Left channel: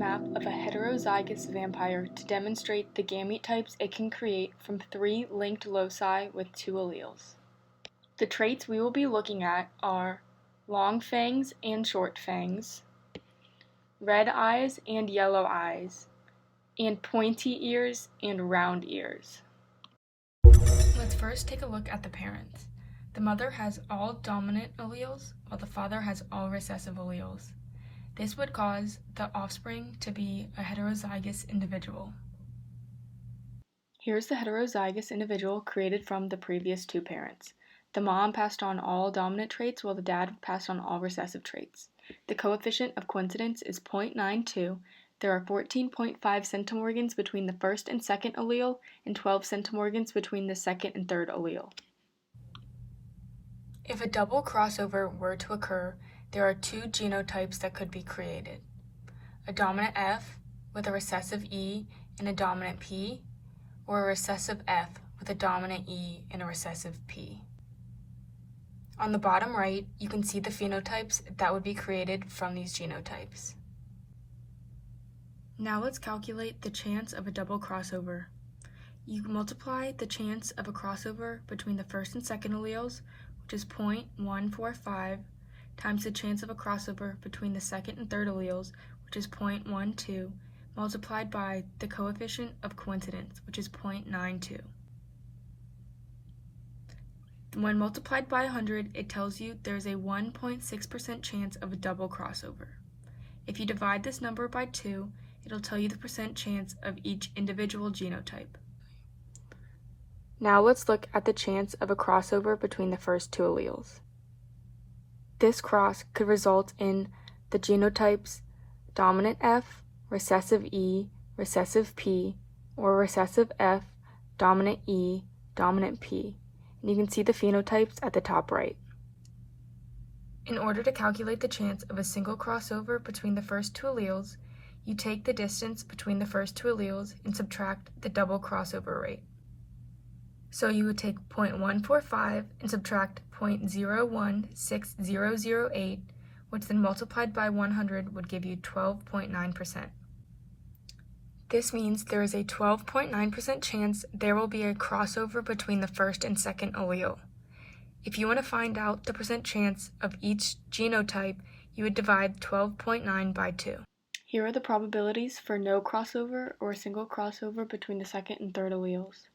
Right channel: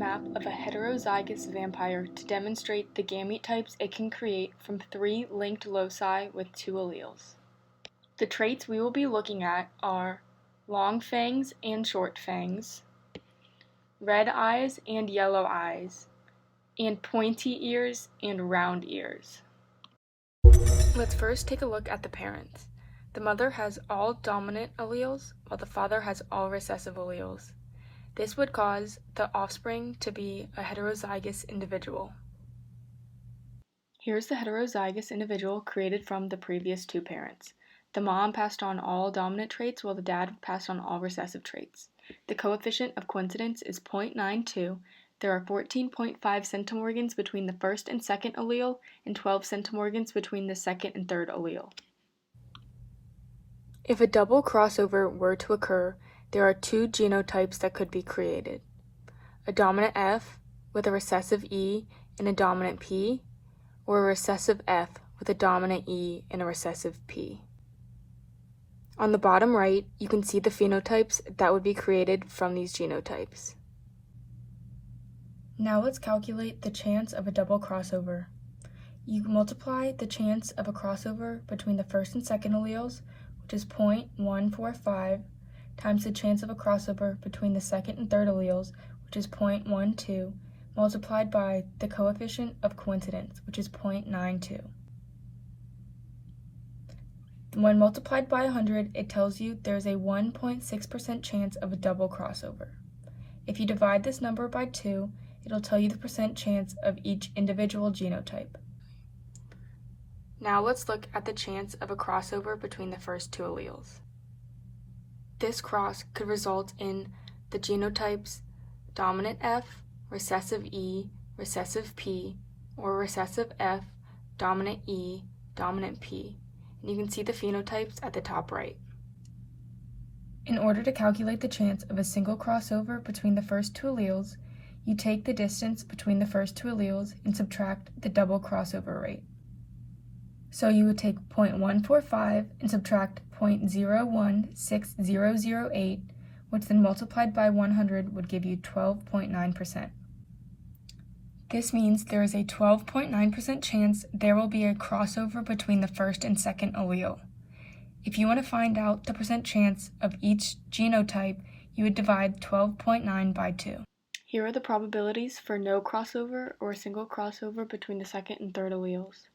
map of a heterozygous vampire to demonstrate the gamete types it can create from 3 linked loci with 2 alleles. The traits we will be looking at are long fangs and short fangs, red eyes and yellow eyes, and pointy ears and round ears. Let's first take a look at the parents. The mother has all dominant alleles, while the father has all recessive alleles. This would cause the offspring to be a heterozygous individual. Here's the heterozygous individual created from the previous 2 parents. The mom passed on all dominant traits while the dad passed on all recessive traits. The coefficient of coincidence is 0.92. There are 14.5 centimorgans between the first and second allele and 12 centimorgans between the second and third allele. If a double crossover were to occur, there are 2 genotypes that could be created: a dominant F with a recessive E and a dominant P, or a recessive F with a dominant E and a recessive P. On the bottom right, you can see the phenotypes that would be created from these genotypes. Now let's calculate the chance of a double crossover. You multiply the chance of a crossover between the first and second alleles, which is 0.145, times the chance of a crossover between the second and third alleles, which is 0.12, multiplied by the coefficient of coincidence, which is 0.92. When multiplied by 100, it tells you there's a 1.6% chance of a double crossover. If you divide this number by 2, it'll tell you the percent chance of each individual genotype. Now let's look at the chance of a crossover between the first 2 alleles. This cross could result in the genotypes dominant F, recessive E, recessive P, or recessive F, dominant E, dominant P. And you can see the phenotypes at the top right. In order to calculate the chance of a single crossover between the first 2 alleles, you take the distance between the first 2 alleles and subtract the double crossover rate. So you would take 0.145 and subtract 0.016008, which then multiplied by 100 would give you 12.9%. This means there is a 12.9% chance there will be a crossover between the first and second allele. If you want to find out the percent chance of each genotype, you would divide 12.9 by 2. Here are the probabilities for no crossover or a single crossover between the second and third alleles.